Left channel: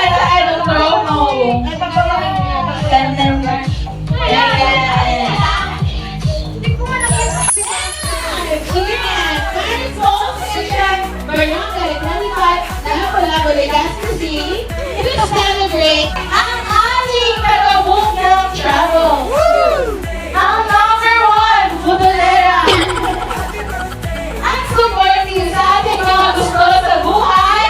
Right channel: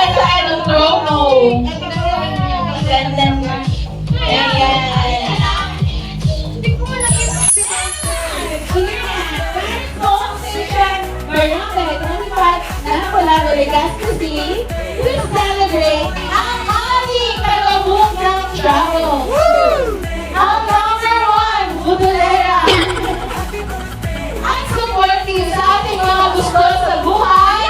I don't know. Ang ating Tagabuk ng Travel. Ang number one, Budolera. Ang supporting sa ating mga gusto sa buhay.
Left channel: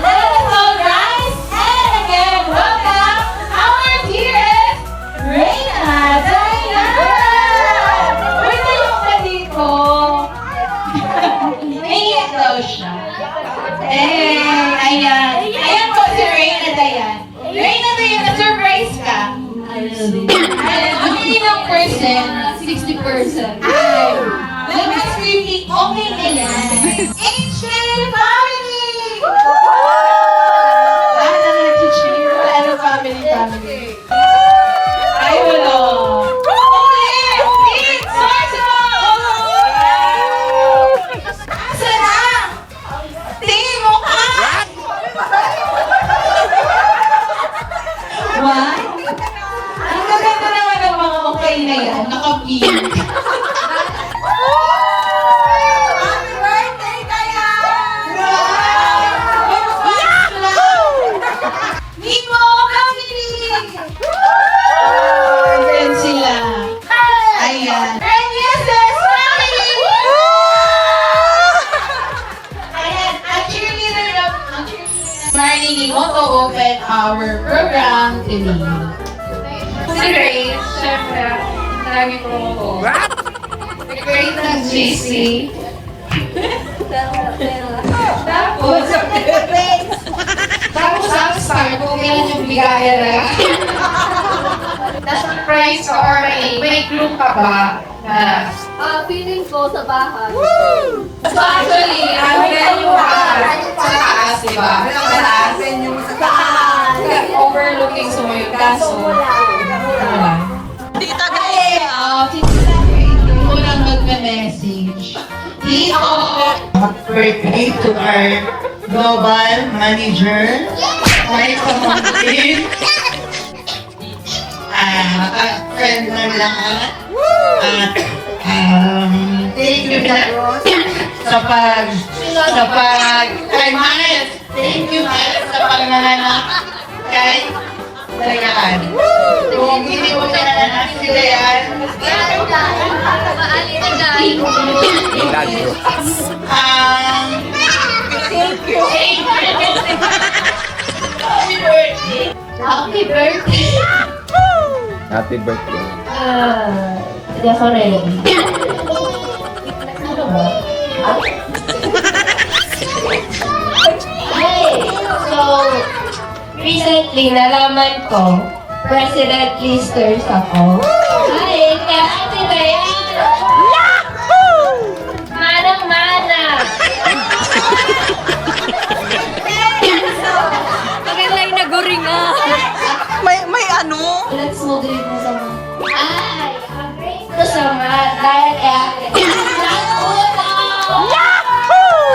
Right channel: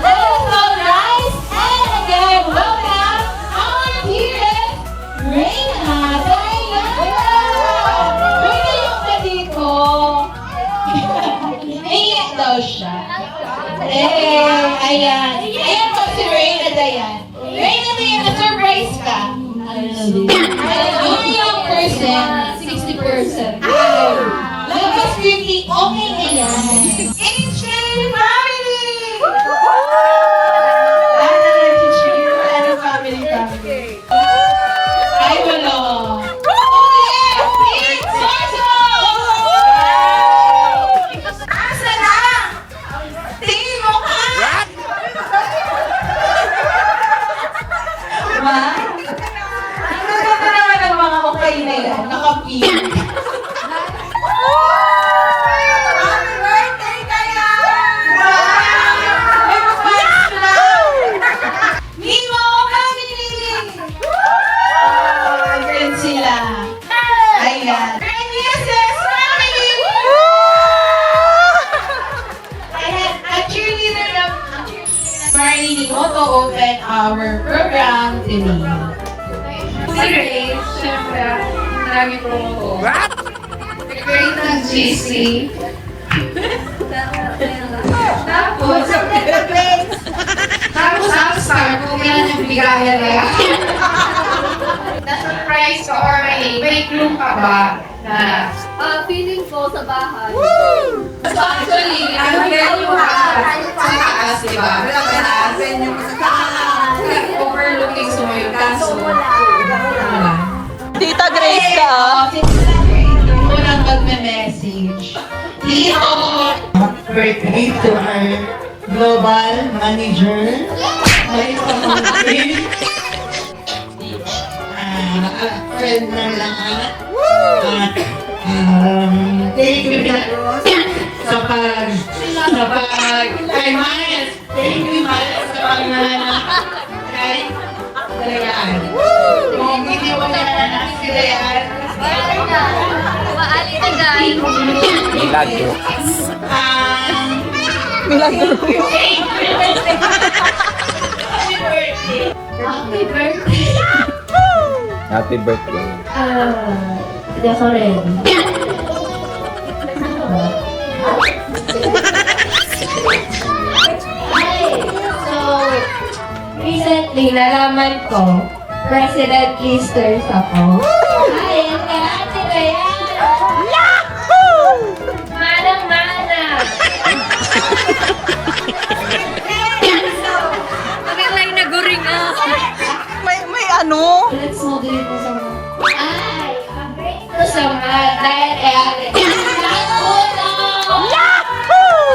Little Rice. And again, welcome our dearest Reyna Diana. Pwede yung dito. Naiyak daw siya. Ayan. Ayan po si Reyna Diana. Reyna Diana, surprise ka. Ano yung person? 60%. Labas quickly, okay na yan. Ancient family! Ano family? Ay, wala. Okay, Felix Marshall! Asa na? Tingin mo ka? What? Ang ganda naman ng mga okay na yan. Nakapiyot. Happy birthday kaya! Nemo family! Ayan sila. Ayan. Yes, family! Ayan, at cheerleader lang. Starting ni Otto open our program today. Si Grace, syempre, lagi promo ko. Si Grace ng GC. Tapos upstar, kung yan yung bigayan na yan. Na-surprise or may clue ka ba na Feeling ko sa bahay. so actually, ang venue ha, sa taas, diba? Sa taas, venue sa taas. Overlooking sumoy kaso. Tita Grace ka. Ako nang magme-message. Tito! Birthday to our global manager, Marisa Montes. Friend ng lahat. Thank you na kay Miles. Thank you, Miles, sa pangalan kay Dayan. Kung hindi ko pinananak si Dayan, Maali na dahil. Milagro. thank you. Happy birthday. Happy birthday. Happy birthday. Hindi ako ready. So, recently, nalaman ko, President Listers ako. Hi, Ate Dayan! Yahoo! Manang-manang! Nakilay na guring ah. May ano? Let's move it na sa mga. Ay, ang great ko sa mga dahil kay Ate. Yahoo!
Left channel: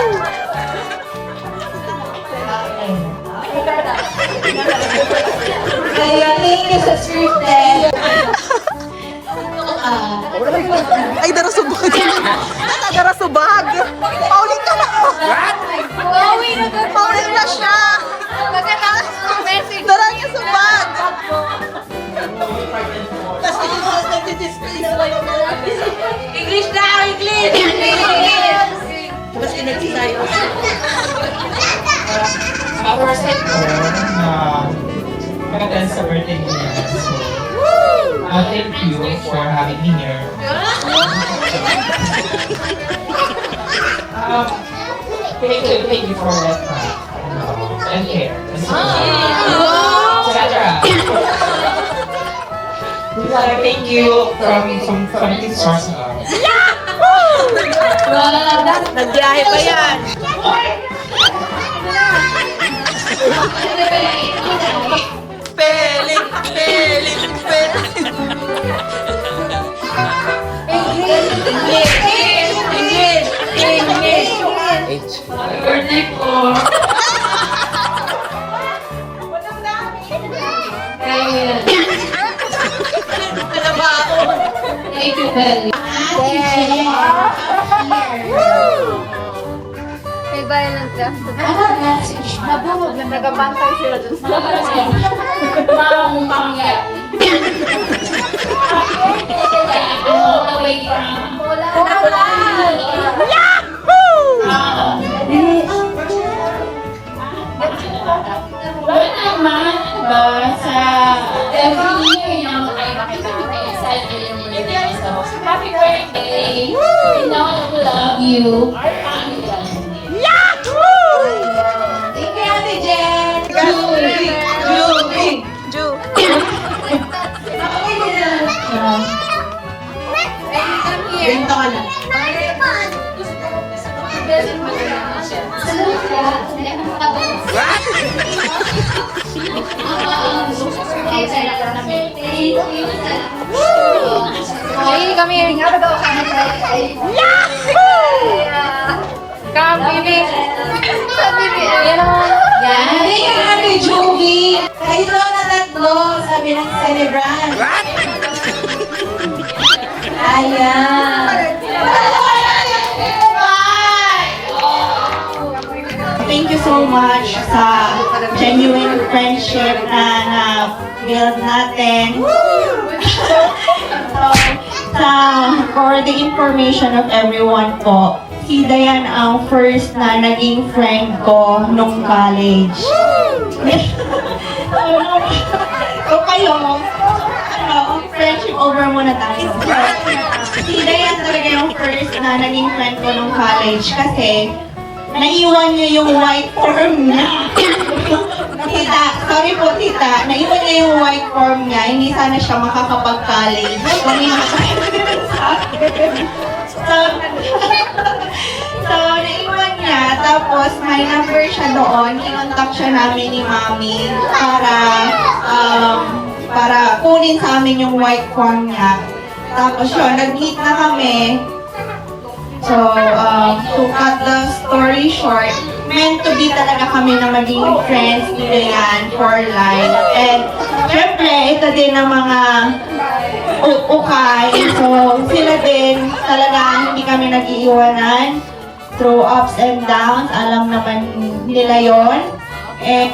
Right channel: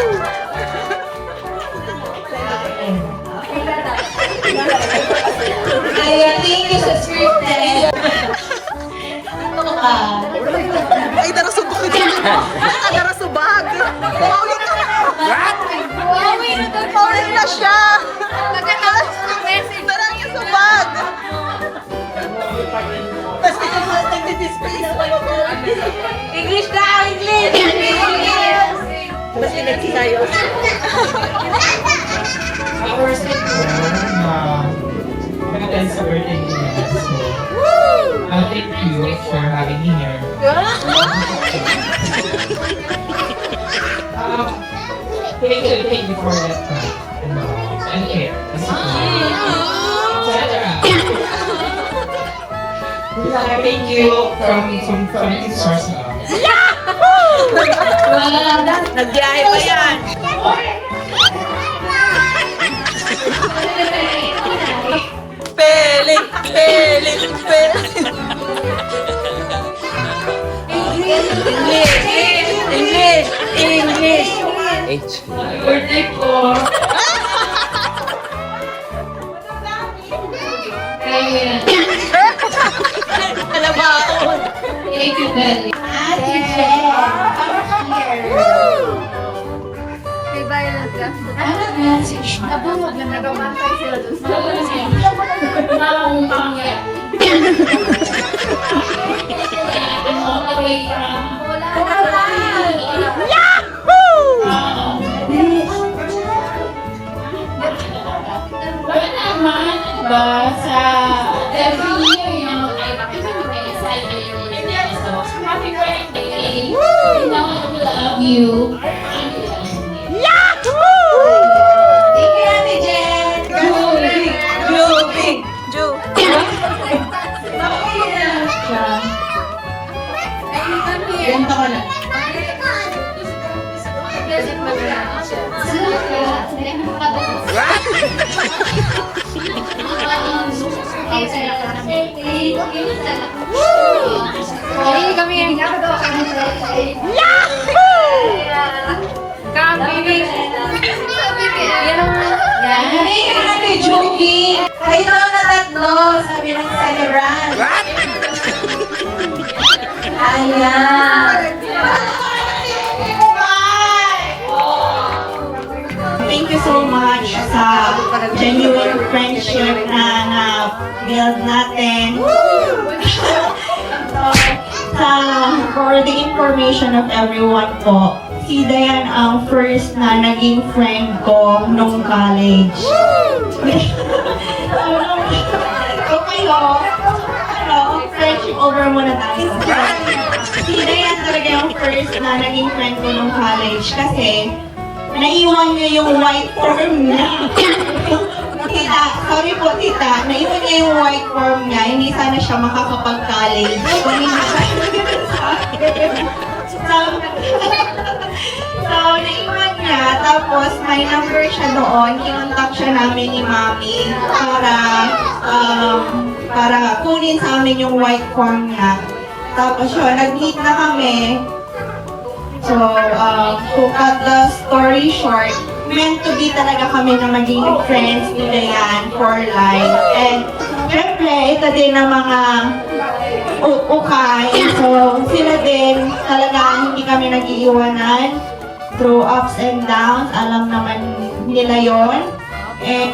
Kaya thank you sa scripted. Ay, darasubag. Darasubag. Paulit ka na. What? Paulit na siya. Darang yung subag. English na! English! magandang sa birthday niya. So, thank you for having me here. Thank you for it. Okay. Thank you from his source. Nagbiyahe pa yan. Peling, peling, peling. Birthday ko. Belly. May violent ka. Ano message mo? Nabungod lang, nagabantay sila doon. Mamangya. All the way from Wala naman ba sa every year yung sa happy birthday. You know I love you. Thank you, Ate Jen. Ju. Ganito ka lang. Hey, come here. Come, baby. Yan. Hey, Ate Joby. Kayo daw na tatlo, sabi ng celebrant. Ayan. Thank you so much sa genuine friendship na build natin. So, for the information of everyone po, si Dayan ang first na naging friend ko nung college. So kayo, friendship over muna tayo. Si Dayan talaga yung first na naging friend ko nung college kasi naiwan niya yung white form niya. Tita, sorry po tita, naiwan niya yung white form niya, hindi sana siya makakapag-college. Kung hindi so, naiwan niya, tapos may number siya doon, kinontak siya namin ni Mami para kunin sa amin yung white form niya. Tapos yun, nag-meet na kami. So, to cut the story short, meant to be talaga kami na maging friends ni Dayan for life. And, syempre, ito din ang mga ukay. So, sila din talaga hindi kami nag-iiwanan through ups and downs. Alam naman nila yon. And,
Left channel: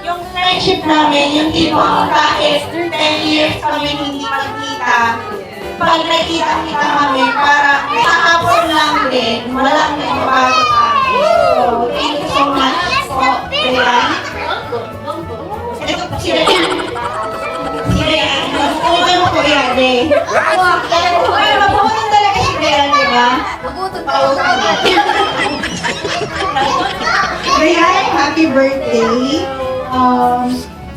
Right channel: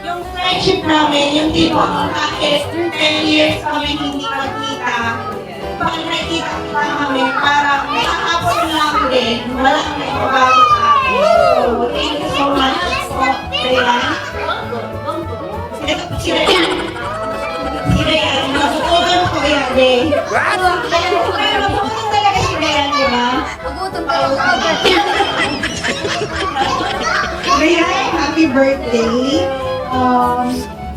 yung friendship namin, yung tipo kahit 10 years kami hindi magkita, pag nakita-kita kami, parang kahapon lang din, walang nagbabago sa akin. So, thank you so much po, Dayan. Ito, si Dayan. Si Dayan, mabukulan ko yan, eh. Mabukulan talaga si Dayan, di ba? Dayan, happy birthday.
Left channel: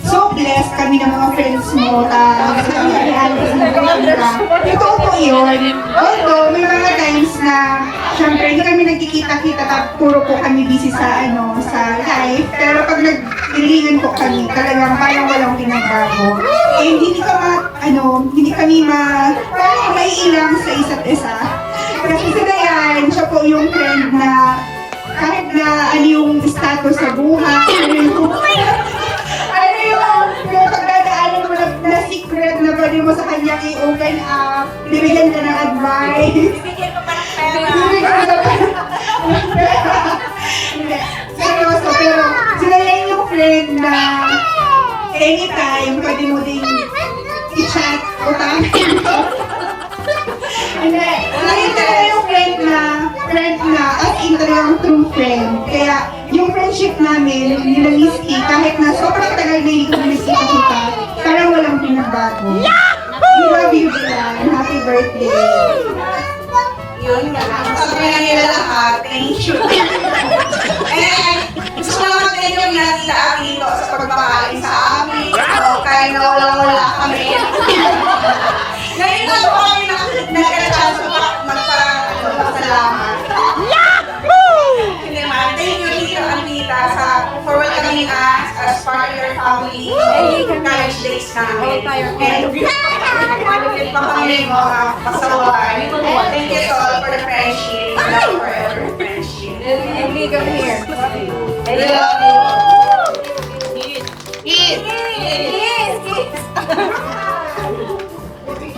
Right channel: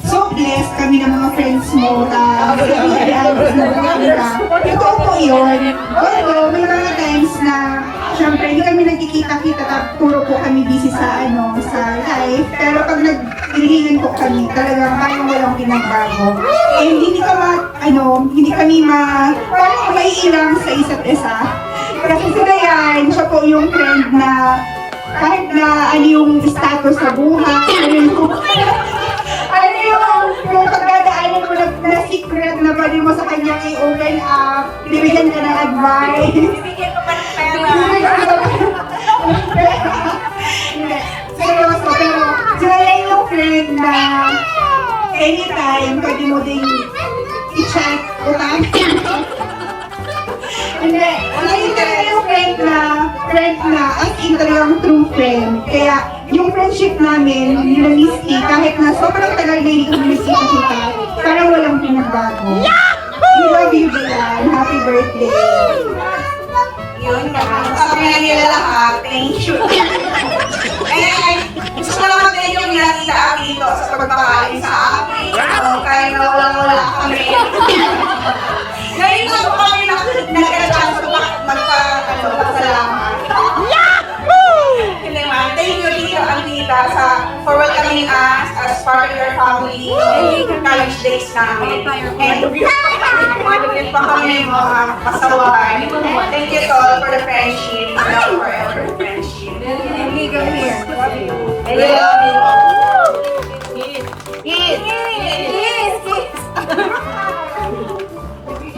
So blessed kami ng mga friends mo na totoo po yun. Although, may mga times na syempre, hindi kami nagkikita-kita puro po kami busy sa sa life. Pero pag nag-reunion po kami, talagang parang walang pinagbago. And hindi kami parang maiilang sa isa't isa. Kasi si Dayan, siya po yung friend na kahit na ano yung status sa buhay, yung pagdadaanan mo na secret na pwede mo sa kanya i-open up, bibigyan ka ng advice. Bibigyan ko pa ng pera. Seryoso, pero sila yan yung friend na anytime pwede mo ding i-chat o tawagin. Hindi, yun talaga yung friend na as in talagang true friend. Kaya yung friendship namin, nila Misty, kahit na sobrang tagal na hindi kami nagkita-kita, parang walang pinagbago. We love you, Dayan. Happy birthday. Yun nga. Sabi na nila lahat, thank you. Gusto naman din yung nakita akin dito sa pagmamahalin sa amin. Kaya nga wala kami. Ngayon na po kami nagkakachance magpasalamat. Thank you, Tito Alvita, for welcoming us as part of your family in college days namin. And din pa kami mga pasaway. Thank you, Tol, for the friendship. Love forever friendship. I love you.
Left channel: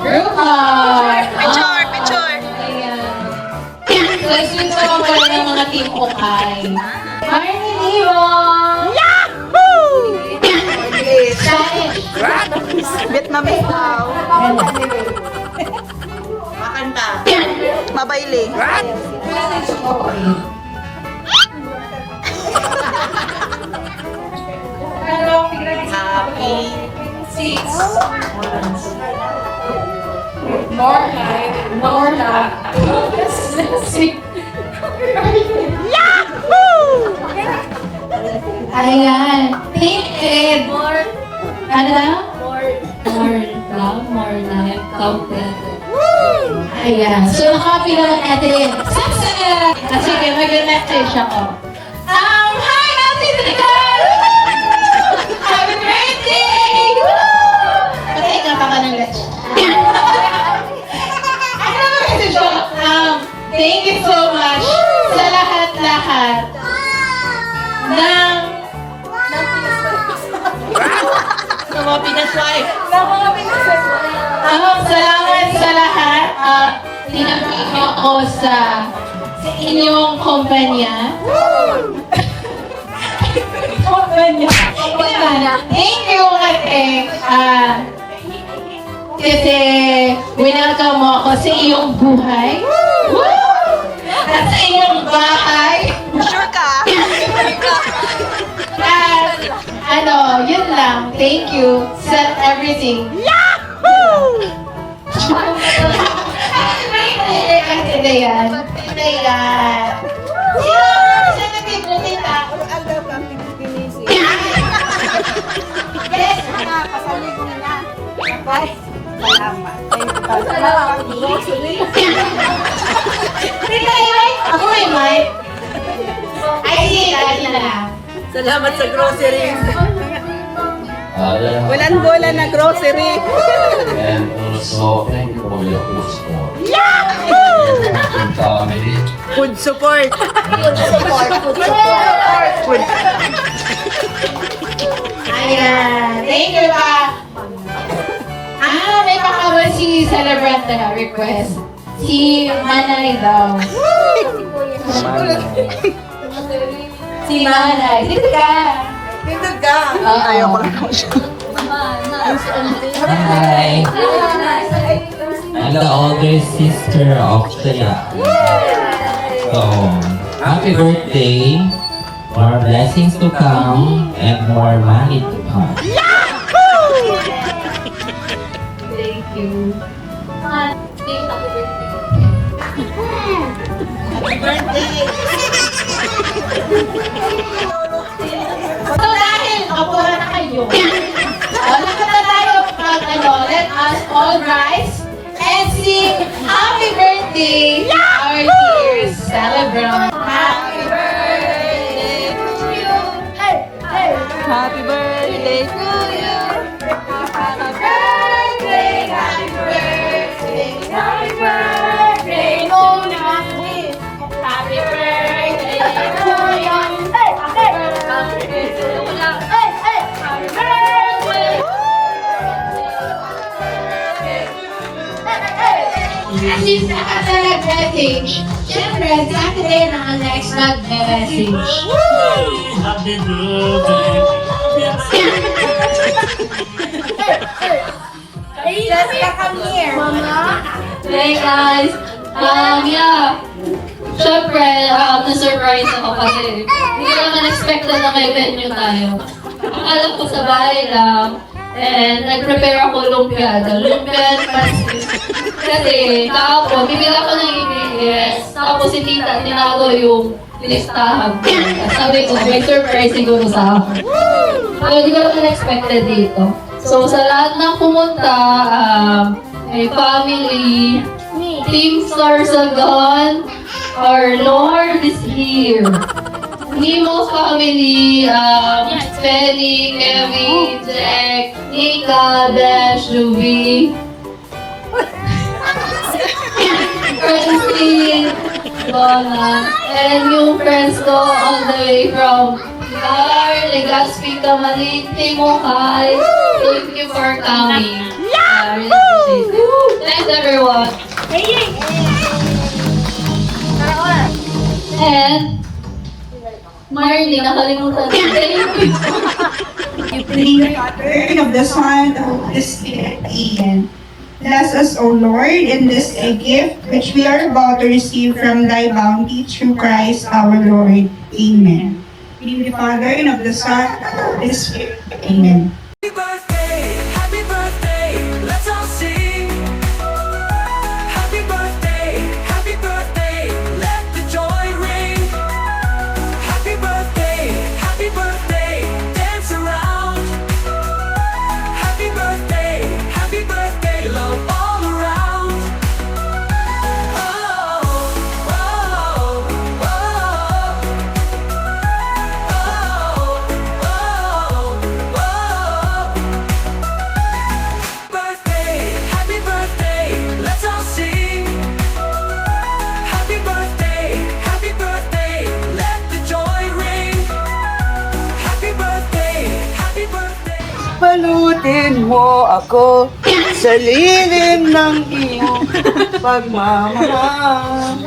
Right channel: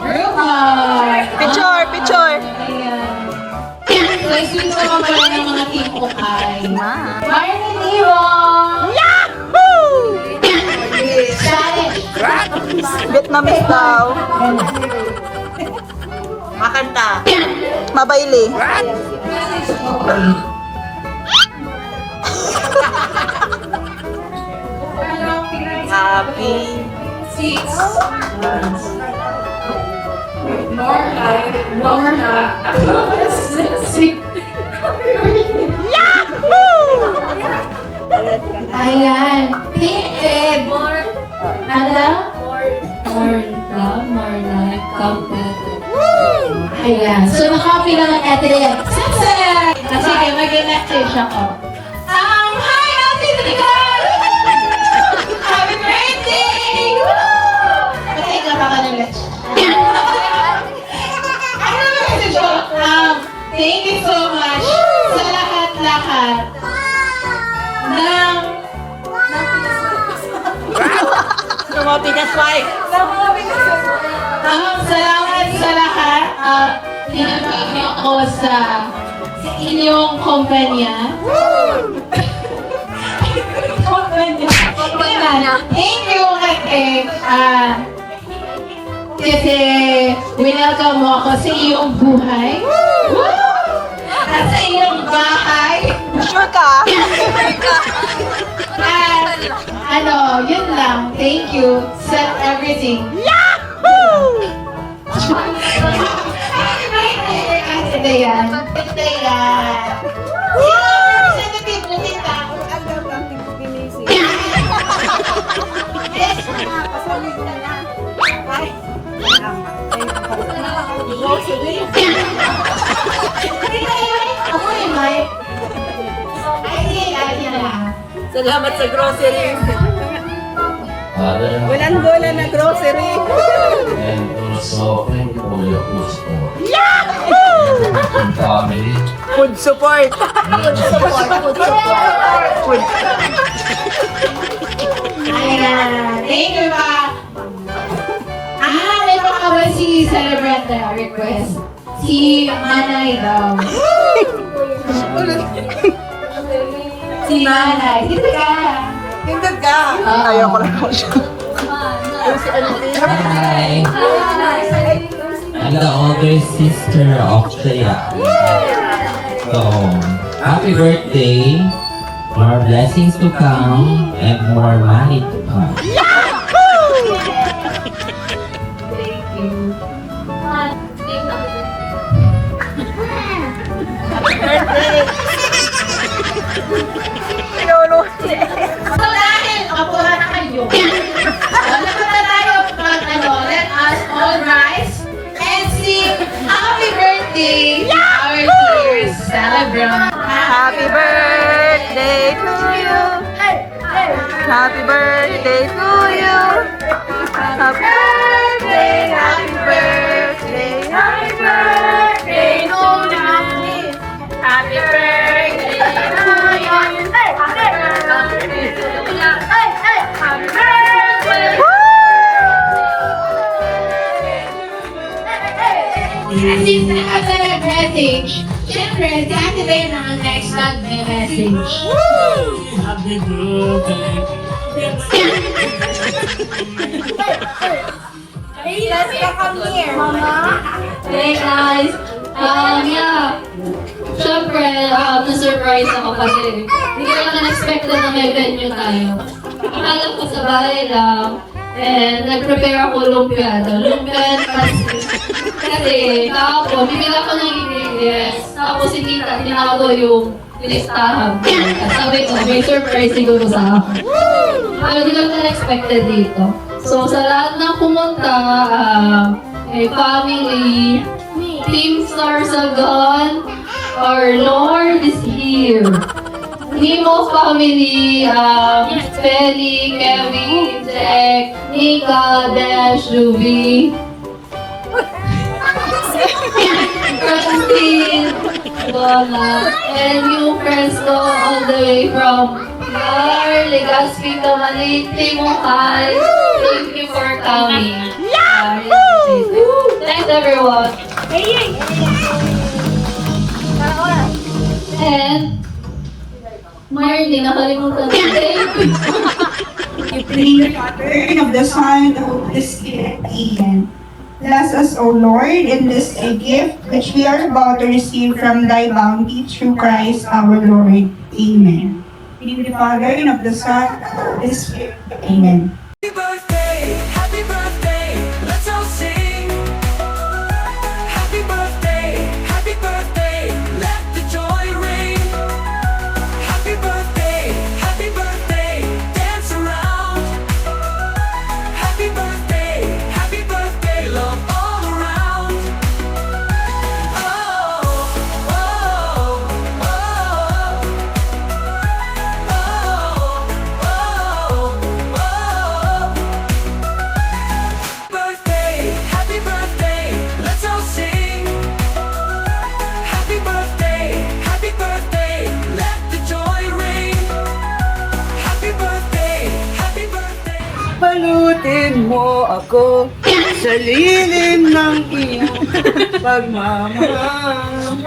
Girl heart. mga team Ukay. Marnie Nivong! Vietnamese daw. Mabayli. Six. Norma. Ayan. Pink Ed. Ano daw? More life. Ayan. So, nakapila ng Adrian. Success! Sige, mag-message ako. Hi, Ate Nicole! Happy birthday! Patay nga pa ka ng leche. Ano ba message ko? Thank you so much sa lahat-lahat ng salamat sa lahat at tinagpapin niyo ako sa inyong kumpanya. Thank you ate. Kasi winelcome mo ako sa iyong buhay. At sa iyong bahay. Sure ka? At yun lang. Thank you sa everything. Ate Dayan. Ako may mic. Ay, sige, na. Salamat sa grocery. Bulan-bulan na grocery. And also, thank you for your food support. Yahoo! Family. Food support. Ayan. Thank you pa. May pakawal si celebrant na request. Si Manay daw. Si Manay. Dito ka. Tingnan ka. Oo. Ayoko lang ako siya. Hi! I'm the older sister of Taya. So, happy birthday! More blessings to come and more money to come. Thank you. So dahil kapuha na kayo, lahat na tayo let us all rise and sing happy birthday to our dear celebrant. Happy birthday to you. Happy birthday to you. Happy birthday, happy birthday, happy birthday to you. Happy birthday to you. Since nakata nag-message, syempre, si Ate Lena ang next mag-message. Hey guys! Siyempre, na-surprise ako kasi hindi ko naman expected na may venue tayo. Akala ko sa bahay lang, and nag-prepare ako lumpia and pancit. Kasi, tapos, bibila ko ng ingredients. Tapos, si tita, tinago yung listahan ko. At sabi ko, may surprise siguro sa akin. Pero hindi ko naman expected dito. So, sa lahat ng pumunta, may family, Team Sarsagon, our Lord is here. Nemo family, Penny, Kevin, Jack, Nika, Dash, Ruby, Francine, Donna, and yung friends ko all the way from Gar, Legazpi, Kamalit, Timokay. Thank you for coming. Thanks everyone. And, Marley, nakalimutan ko. You bring the pattern of the Son of the Spirit in. Bless us, O Lord, in this a gift which we are about to receive from thy bounty through Christ our Lord. Amen. In the Father, and of the Son, and of the Spirit. Amen. Happy birthday, let's all sing. Happy birthday, let the joy ring. Happy birthday, dance around. Happy birthday, love all around. Oh, oh, oh, oh, oh, oh. Happy birthday, let's all sing. Happy birthday, let the joy ring. Happy birthday. Balutin mo ako sa lilim ng iyong pagmamahal.